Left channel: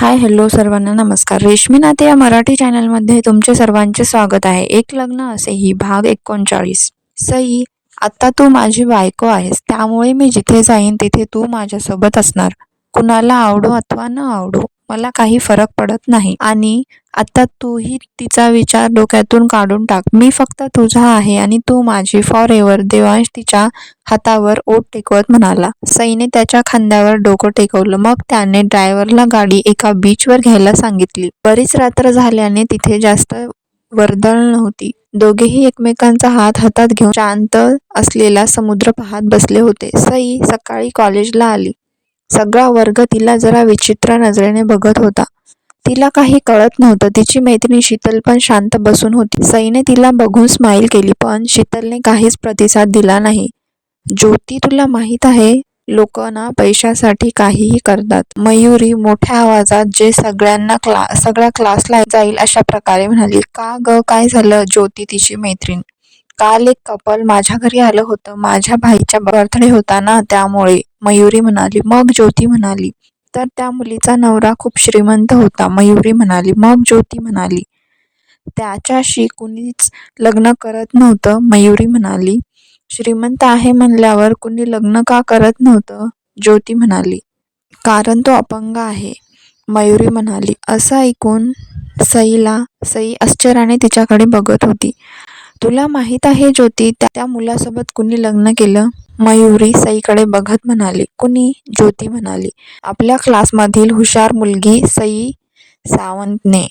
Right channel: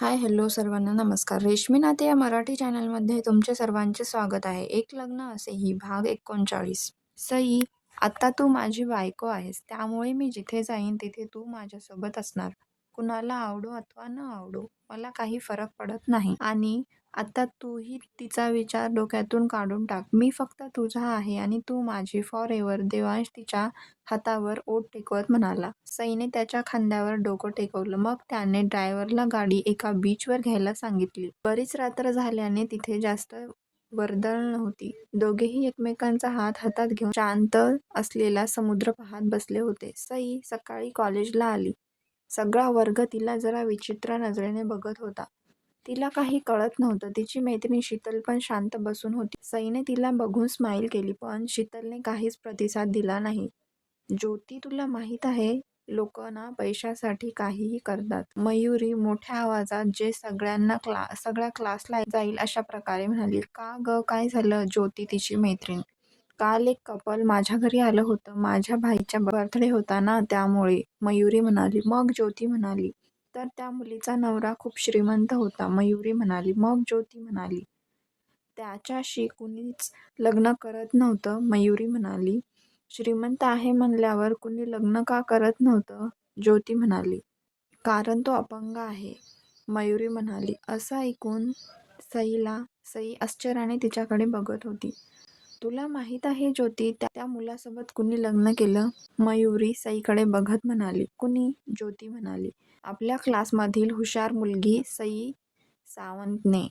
हाय, hello सर्वांना नमस्कार. रेशमी नाते या मराठी चॅनलमध्ये तुमचे सर्वांचे स्वागत आहे. एक लग्न असेही भाग 39. सई, आता तू माझी बायको आहेस, त्यामुळे मी जिथे जाईन तिथे तू माझ्यासोबत असणार. कुणाला आवडो अथवा न आवडो, मला काही फरक पडत नाही. आणि आता तूही तिचा विचार डोक्यातून काढून टाक. मी फक्त तुझा आहे आणि तू माझी फॉर एव्हर. देवांश तिच्या हातावर ओठ टेकवत म्हणाला. सईने त्याच्या खांद्यावर डोकं टेकवलं. मग त्याने ड्रायव्हरला गाडी एका बीचवर घ्यायला सांगितली. बरीच रात्र झाल्याने तिथे जास्त वर्दळ नव्हती. दोघेही एकमेकांचा हात हातात घेऊन शांत असलेला समुद्र पाहत बसले होते. सई सकाळी कॉलेजला आली. सगळा वर्ग तिला जरा विचित्र नजरेने बघत होता. तिला काही कळत नव्हतं. तिची मैत्रीण शीतल पण शांत बसून होती. सईने तिला बघून स्माईल केली, पण शीतलने काहीच प्रतिसाद दिला नाही. ज्योती, तुला माहीत आहे, लोक ना पैशासाठी काहीही करतात. मयुरी मोठ्या आवाजात, जे सगळ्या क्लासला जाईल अशा प्रकारे म्हणाली. का ग, काय झालं? ज्योती तिची मैत्रीण. काल एक कपल माझ्या घरी आलं होतं. माझ्या भाईचा बर्थडे होता ना, त्यामुळे, मयुरी म्हणाली. मग ज्योती म्हणाली, तर त्या मुलीचा नवरा खूप श्रीमंत होता. मयुरी म्हणाली. मग ज्योती म्हणाली, त्याच्याशी कुणीच लग्न करत नव्हतं. मयुरी म्हणाली. श्रीमंत आहे म्हणल्यावर कुणी लग्न का करत नव्हतं? ज्योती म्हणाली. कारण तो अपंग आहे. मयुरी म्हणाली. असं ऐकून सई आश्चर्याने तिच्याकडे बघत होती. तुला माहीत आहे ज्योती, त्या मुलासोबत कुणी लग्न केलं? मयुरी सईकडे बघत म्हणाली. कुणी? ज्योती म्हणाली. आपल्या क्लासमधील हुशार मुलगी सई सावंतने.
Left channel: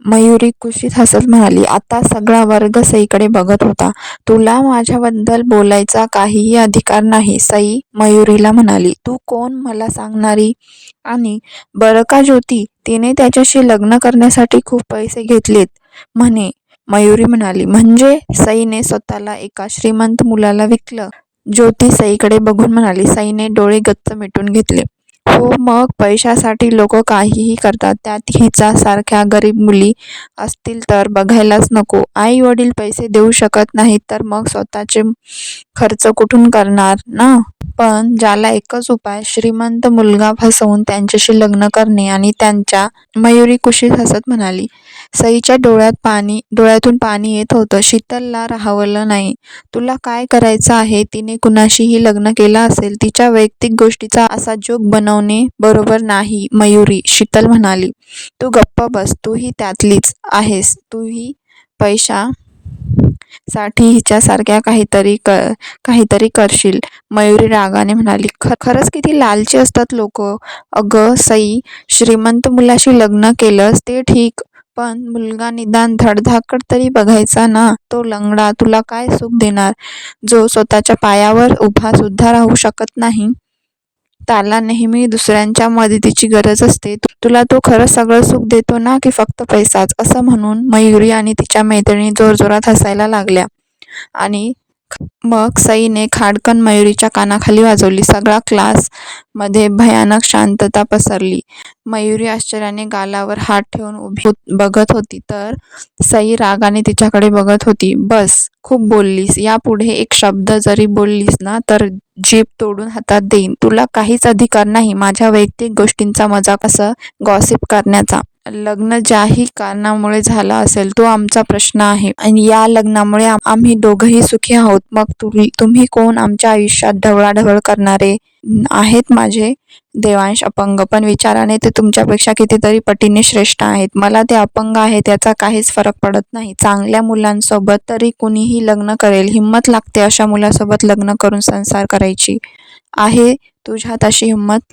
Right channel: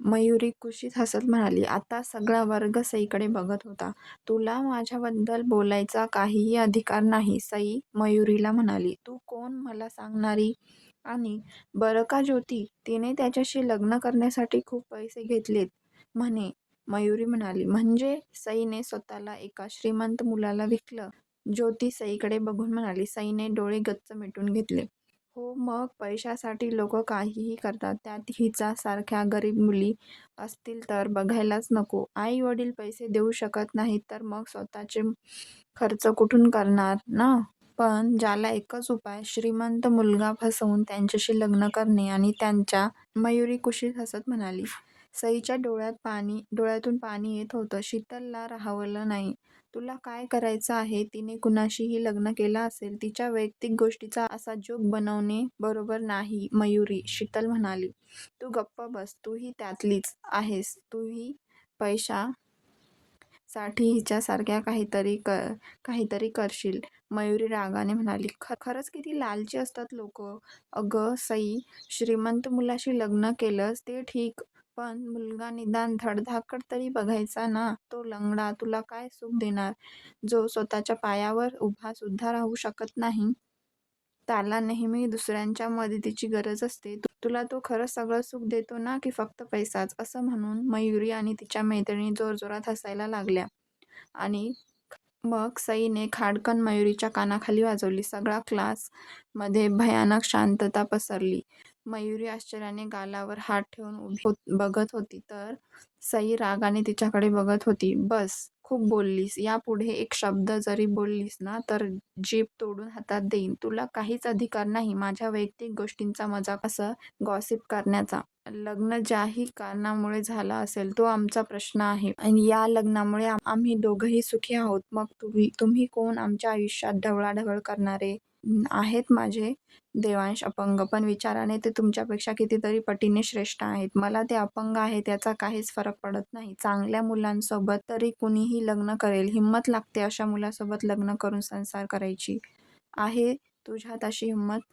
मयुरी कुशीत हसत म्हणाली. आता सगळा वर्ग सईकडे बघत होता. तुला माझ्याबद्दल बोलायचा काहीही अधिकार नाही, सई मयुरीला म्हणाली. तू कोण मला सांगणारी? आणि बरं का ज्योती, तिने त्याच्याशी लग्न करण्यासाठी खूप पैसे घेतलेत म्हणे. मयुरी म्हणाली. म्हणजे? सईने स्वतःला एका श्रीमंत मुलाला विकलं? ज्योती सईकडे बघून म्हणाली. सईने डोळे गच्च मिटून घेतले. हो, मग पैशासाठी लोक काहीही करतात. त्यात हिचा सारख्या गरीब मुली असतील तर बघायलाच नको. आई वडील पैसे देऊ शकत नाहीत तर मग स्वतःचे खर्च कुठून करणार ना? पण ज्याला एकच उपाय, श्रीमंत मुलगा फसवून त्यांच्याशी लग्न करणे आणि त्यांच्या. मयुरी कुशीत हसत म्हणाली. सईच्या डोळ्यातून पाणी येत होतं. शीतलला राहवलं नाही. तुला काय करायचं आहे? तिने कुणाशीही लग्न केलं असेल. तिच्या वैयक्तिक गोष्टीचा असा जोक बनवणे बरोबर नाही मयुरी, शीतल म्हणाली. तू गप्प बस. तूही त्यातलीच आहेस. तूही पैशासाठी हिच्यासारख्या काहीतरी करशील. मयुरी रागाने म्हणाली. खरंच किती लालची असतात लोक. अगं सई, श्रीमंत मुलाशी लग्न केलंस ते ठीक, पण मुलगा निदान धडधाकट तरी बघायचा ना. तो लंगडा तुला काय सुख देणार? जो स्वतःच्या पायावर उभा सुद्धा राहू शकत नाही. त्याला नेहमी दुसऱ्यांच्या मदतीची गरज असते. तुला तो खरंच सगळं सुख देतो ना, की फक्त पैसाच? असं म्हणून मयुरी आणि तिच्या मैत्रिणी जोरजोरात हसायला लागल्या. आणि मग सईने खाडकन मयुरीच्या कानाखाली वाजवली. सगळा क्लासमध्ये भयानक शांतता पसरली. मयुरी आश्चर्याने गालावर हात ठेवून उभी बघत होती, तर सई रागाने तिच्याकडे बघत होती. बस, खूप बोललीस. यापुढे एक शब्द जरी बोललीस ना, तर जीभ तोडून हातात देईन. तुला काहीच अधिकार नाही माझ्या वैयक्तिक गोष्टींचा मजाक असं गॉसिप करण्याचा. लग्न ज्याही कारणामुळे झालं असेल तो आमचा प्रश्न आहे आणि या लग्नामुळे आम्ही दोघंही सुखी आहोत. मग तुम्ही कोण? आमच्या आयुष्यात ढवळाढवळ करणारे आहेत. माझे देवांश अपंग, पण विचाराने ते तुमच्यापेक्षा कितीतरी पटीने श्रेष्ठ आहेत. मला ते अपंग आहेत याचा काहीच फरक पडत नाही. चांगल्या मुलांसोबत तरी कुणीही लग्न करेल. हिंमत लागते अशा मुलासोबत लग्न करून संसार करायची. आहे तुझ्यात अशी हिंमत?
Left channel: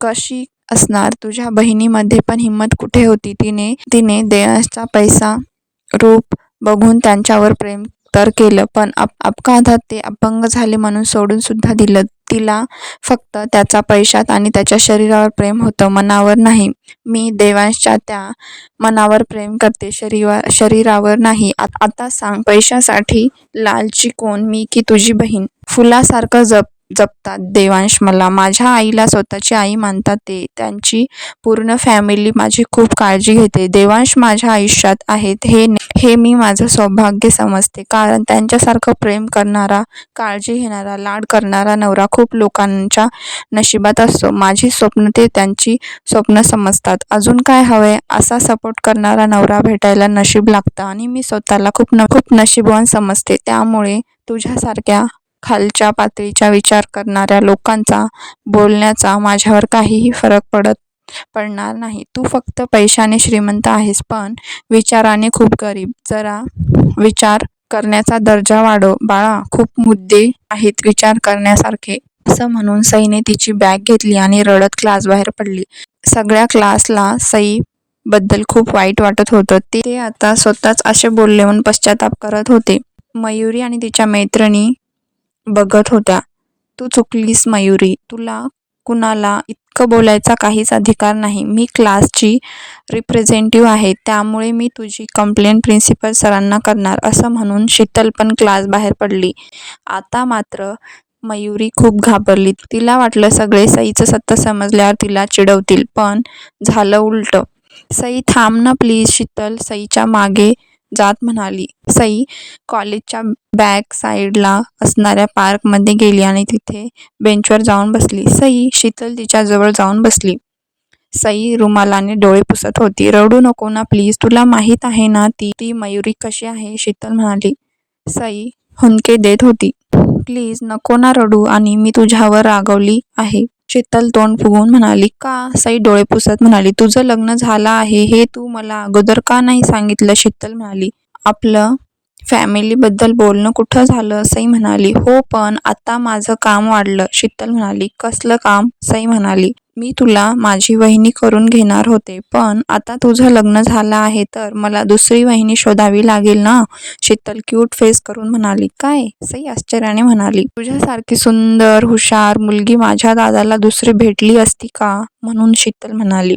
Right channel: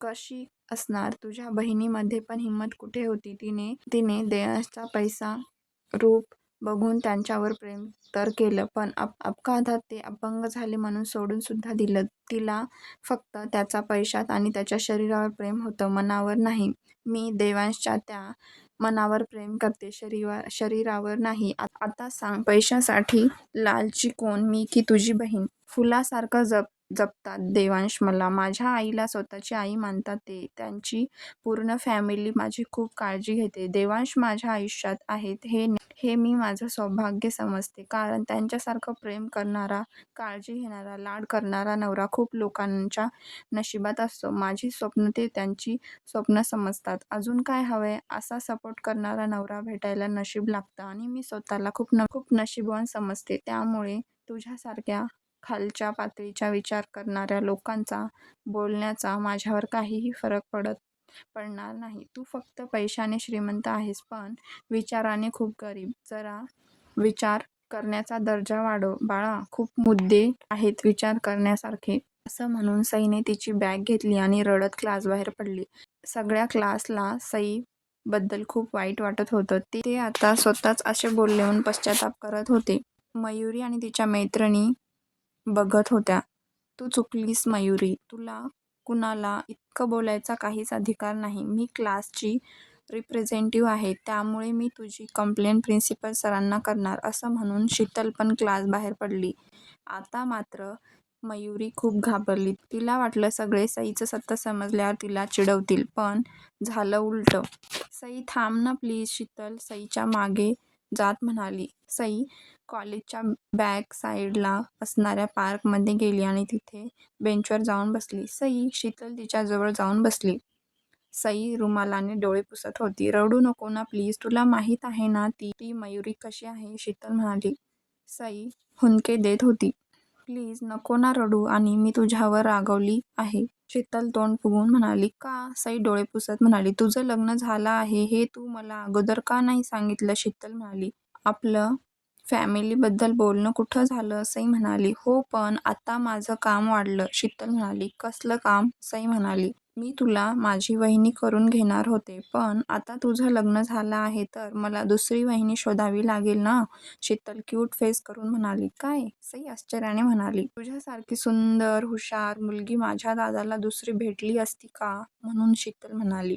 कशी असणार? तुझ्या बहिणीमध्ये पण हिंमत कुठे होती? तिने देवांशचा पैसा, रूप बघून त्यांच्यावर प्रेम तर केलं, पण अपघातात ते अपंग झाले म्हणून सोडून सुद्धा दिलं. तिला फक्त त्याचा पैशात आणि त्याच्या शरीरावर प्रेम होतं, मनावर नाही. मी देवांशच्या त्या मनावर प्रेम करते, शरीरावर नाही. आता सांग, पैशासाठी लालची कोण, मी की तुझी बहीण? फुलासारखं जप जपतात. देवांश मला माझ्या आईला स्वतःची आई मानतात. त्यांची पूर्ण फॅमिली माझी खूप काळजी घेते. देवांश माझ्या आयुष्यात आहेत हे मी माझं सौभाग्य समजते, कारण त्यांच्यासारखं प्रेम करणारा, काळजी घेणारा, लाड करणारा नवरा खूप लोकांच्या नशिबात असतो. माझी स्वप्न ते त्यांची स्वप्न समजतात. अजून काय हवंय? असा सपोर्ट करणारा नवरा भेटायला नशीब लागतं आणि मी स्वतःला खूप नशीबवान समजते. त्यामुळे तुझ्यासारख्या खालच्या पातळीचा विचार करणाऱ्या लोकांचा बोलण्याचा माझ्यावर काहीही फरक पडणार नाही. तू फक्त पैशाने श्रीमंत आहेस, पण विचाराने खूप गरीब. जरा विचार करण्याचा दर्जा वाढव बाळा. खूप मुद्दे आहेत विचार करण्यासारखे. असं म्हणून सईने तिची बॅग घेतली आणि रडत क्लासबाहेर पडली. सगळ्या क्लासला सई बद्दल खूप वाईट वाटत होतं. ते आता स्वतःच असे बोलले म्हणून पश्चाताप करत होते. मयुरी आणि तिच्या मैत्रिणी बघत होत्या. तू चुकलीस मयुरी, तुला कुणाला इतकं बोलायचा काहीच अधिकार नाही. मी क्लासची रिप्रेझेंटेटिव्ह आहे, त्यामुळे मी तुझी कंप्लेंट प्रिन्सिपल सरांना करणार, असं म्हणून शीतल पण क्लास बाहेर पडली. आता मात्र मयुरी खूप घाबरली. तिला वाटलं सगळे सईचं सत्य समजल्यावर तिला चिडवतील, पण झालं उलटं. सई थांब ना प्लीज, शीतल सईच्या मागे जात म्हणाली. सई कॉलेजच्या बॅक साईडला असणाऱ्या पार्कमध्ये गेली आणि तिथे बेंचवर जाऊन बसली. सई, शीतल तिच्याजवळ जाऊन बसली. सई रुमालाने डोळे पुसत होती. रडू नको ना प्लीज, तुला माहीत आहे ना ती मयुरी कशी आहे, शीतल म्हणाली. सई हुंदके देत होती. प्लीज नको ना रडू, आणि मी तुझ्यावर रागवली आहे, शीतल तोंड फुगवून म्हणाली. का? सई डोळे पुसत म्हणाली. तुझं लग्न झालं आहे हे तू मला अगोदर का नाही सांगितलं, शीतल म्हणाली. आपलं फॅमिलीबद्दल बोलणं कुठं झालं, सई म्हणाली. हो, पण आता माझं काम वाढलं, शीतल म्हणाली. कसलं काम? सई म्हणाली. मी तुला माझी वहिनी करून घेणार होते, पण आता तुझं लग्न झालं आहे तर मला दुसरी वहिनी शोधावी लागेल ना, शीतल क्यूट फेस करून म्हणाली. काय? सई आश्चर्याने म्हणाली. तुझ्यासारखी सुंदर, हुशार मुलगी माझ्या दादाला दुसरी भेटली असती का, म्हणून, शीतल म्हणाली.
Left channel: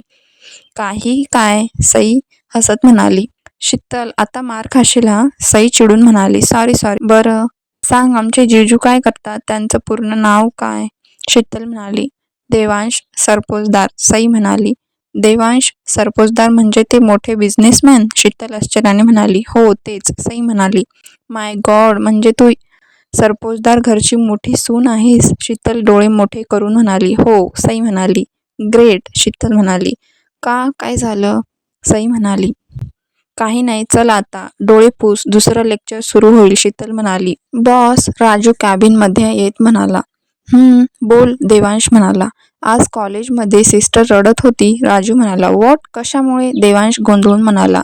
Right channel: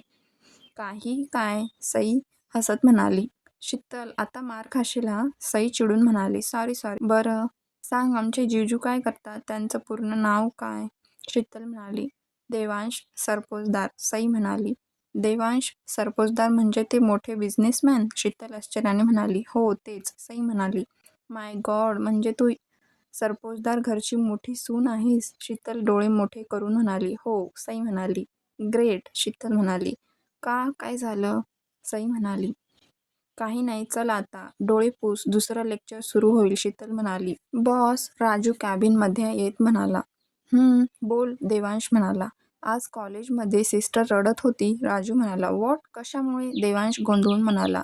काही काय? सई हसत म्हणाली. शीतल, आता मार खाशील हा, सई चिडून म्हणाली. सॉरी. बरं सांग, आमचे जीजू काय करतात? त्यांचं पूर्ण नाव काय? शीतल म्हणाली. देवांश सरपोतदार, सई म्हणाली. देवांश सरपोतदार म्हणजे ते मोठे बिझनेसमॅन? शीतल आश्चर्याने म्हणाली. हो तेच, सई म्हणाली. माय गॉड, म्हणजे तू सरपोतदार घरची मोठी सून आहेस? शीतल डोळे मोठे करून म्हणाली. हो, सई म्हणाली. ग्रेट, शीतल म्हणाली. का, काय झालं? सई म्हणाली. काही नाही, चल आता डोळे पुस, दुसरं लेक्चर सुरू होईल, शीतल म्हणाली. बॉस, राजू कॅबिनमध्ये येत म्हणाला. बोल, देवांश म्हणाला. आज कॉलेजमध्ये सिस्टर रडत होती, राजू म्हणाला. व्हॉट? कशामुळे? देवांश गोंधळून म्हणाला.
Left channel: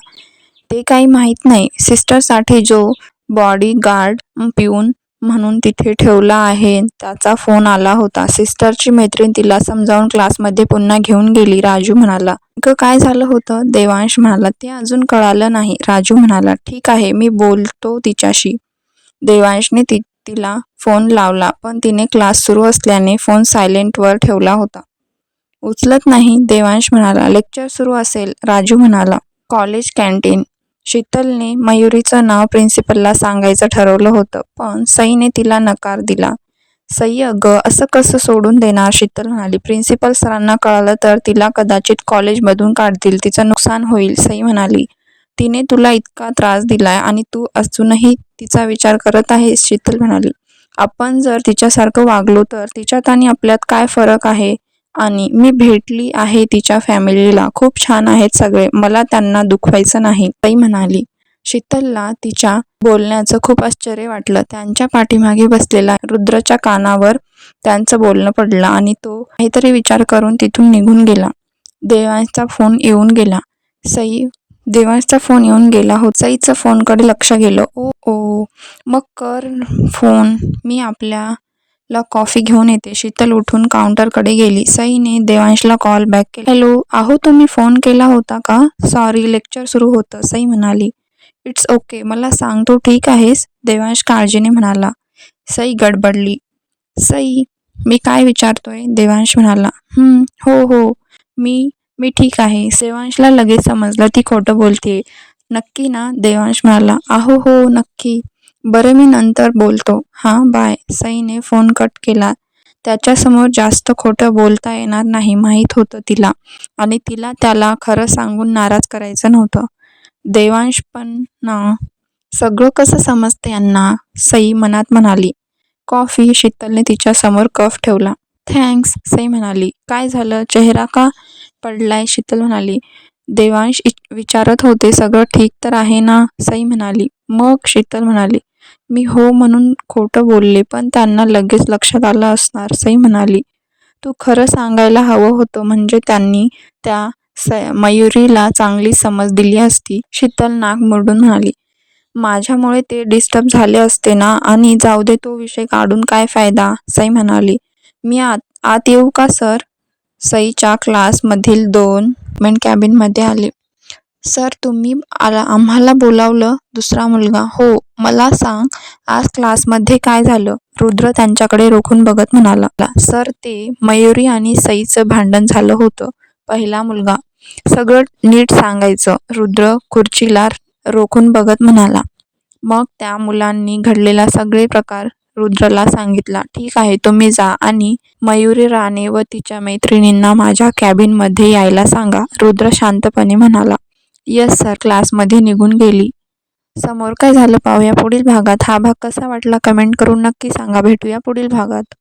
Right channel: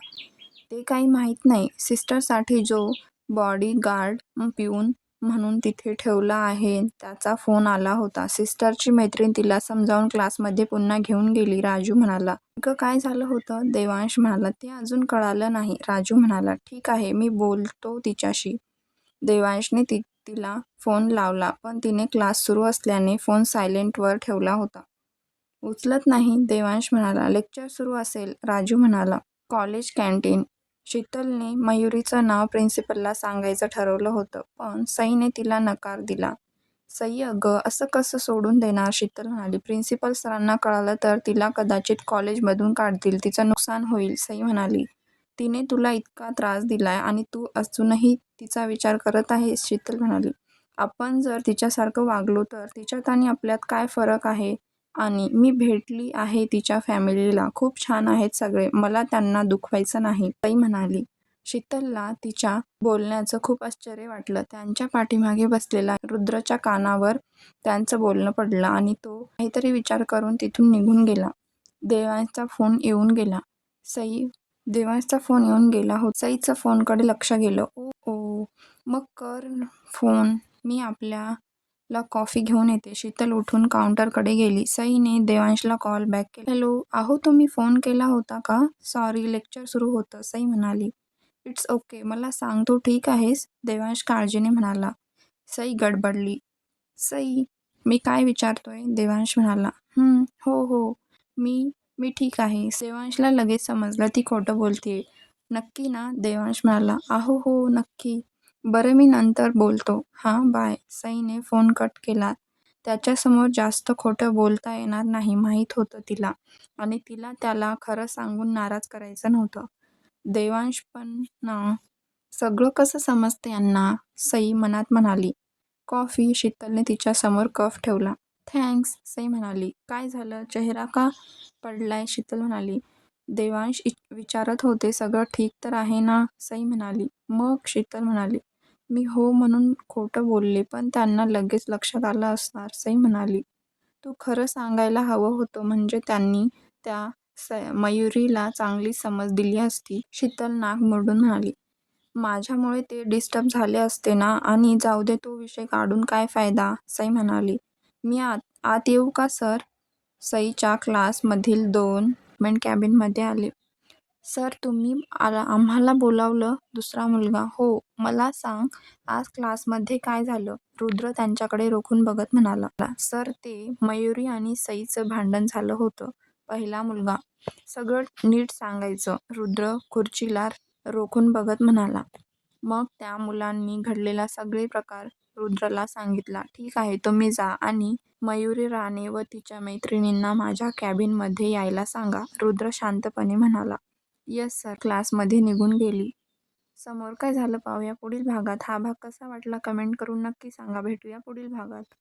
ते काही माहीत नाही. सिस्टरसाठी जो बॉडीगार्ड पिऊन म्हणून तिथे ठेवला आहे त्याचा फोन आला होता. सिस्टरची मैत्रीण तिला समजावून क्लासमध्ये पुन्हा घेऊन गेली, राजू म्हणाला. काय झालं होतं? देवांश म्हणाला. ते अजून कळालं नाही, राजू म्हणाला. ठीक आहे, मी बोलतो तिच्याशी. देवांशने तिला फोन लावला, पण तिने क्लास सुरू असल्याने फोन सायलेंटवर ठेवला होता. उचलत नाही, देवांश म्हणाला. लेक्चर सुरू असेल, राजू म्हणाला. College canteen. शीतलने मयुरीचं नाव प्रिन्सिपलला सांगायचं ठरवलं होतं, पण सईने तिला नकार दिला. सई, अगं असं कसं सोडून देणार, शीतल म्हणाली. प्रिन्सिपल सरांना कळालं तर तिला कदाचित कॉलेजमधून काढतील, तिचं नुकसान होईल, सई म्हणाली. तिने तुला इतका त्रास दिलाय आणि तू अजूनही तिचा विचार करत आहेस, शीतल म्हणाली. आपण जर तिच्यासारखं वागलो तर तिच्यात आणि आपल्यात काय फरक आहे? आणि मी भेटली आहे तिच्या फॅमिलीला, खूप छान आहेत सगळे, मला त्यांना दुखवायचं नाही, सई म्हणाली. शीतलला तिच्या बोलण्याचं खूप आश्चर्य वाटलं. त्यांच्या पाठीमागे बसलेला रुद्रच्या कानावर त्यांचं बोलणं पडलं आणि तो काहीतरी विचार करून तिथून निघून गेला. देवांशचा फोन येऊन गेला. देवांशचा फोन येऊन गेला हो. सईचं फोनकडे लक्ष गेलं. ओ, मग कर फोन, मी आपल्याला कॉफी घेऊन येते. शीतल उठून काउंटरकडे गेली. सईने देवांशला कॉल बॅक केला. हॅलो, अहो तुम्ही फोन केला होता का? सॉरी, लेक्चर सुरू होतं, सई म्हणाली. इट्स ओके, मला सांग, तू ठीक आहेस? देवांश काळजीने म्हणाला. सई गडबडली. सई, मी काय विचारतोय? देवांश म्हणाला. हो, मी ठीक आहे. देवांशला लगेच समजलं ती खोटं बोलतेय. नक्की ना? देवांश म्हणाला. हो, नक्की. बरं, मी नंतर बोलतो. हां, बाय. सईने फोन कट केला. त्याच्यासमोर जास्त खोटं बोलता येणार नाही माहीत होतं तिला, आणि तिला त्याला खरं सांगून नाराज करायचं नव्हतं. देवांश पण ना, सगळं कसं समजतं यांना, सई मनात म्हणाली. कॉफी. शीतलने तिच्यासमोर कप ठेवला. थँक्स, सई म्हणाली. काय झालं, चेहरा का पडलाय, शीतल म्हणाली. देवांश विचारत होते, सगळं ठीक तर आहे ना, सई म्हणाली. मग, शीतल म्हणाली. मी हो म्हणून खोटं बोलले, पण त्यांना लगेच लक्षात आलं असणार, सई म्हणाली. तू खरं सांगायला हवं होतं, म्हणजे त्यांनी त्या मयुरीला चांगली समज दिली असती, शीतल नाक मुरडून म्हणाली. माझ्यामुळे ते डिस्टर्ब झाले असते ना, आणि जाऊ दे, तो विषय काढून काय फायदा, सई म्हणाली. मी आत येऊ का सर? सईच्या क्लासमधील 2 मेन कॅबिनमध्ये आले. सर, तुम्ही आम्हाला बोलावलं? दुसरा मुलगा. हो, मला सांग, आज क्लासमध्ये काय झालं? रुद्र त्यांच्याकडे रोखून बघत म्हणाला. सर, ते मयुरी आणि सईचं भांडण झालं होतं. पहिला मुलगा. सगळं नीट सांगायचं, रुद्र खुर्चीला रोखून बघत म्हणाला. मग त्या मुलांनी घडलेला सगळे प्रकार रुद्रला सांगितला. ठीक आहे, तुम्ही जा आणि मयुरी राणे व तिच्या मैत्रिणींना माझ्या कॅबिनमध्ये यायला सांगा, रुद्र शांतपणे म्हणाला. Yes sir. क्लासमध्ये निघून गेली. समोर काय झालं पाहूया पुढील भागात. हा भाग कसा वाटला कमेंट करून नक्की सांगा. भेटूया पुढील भागात.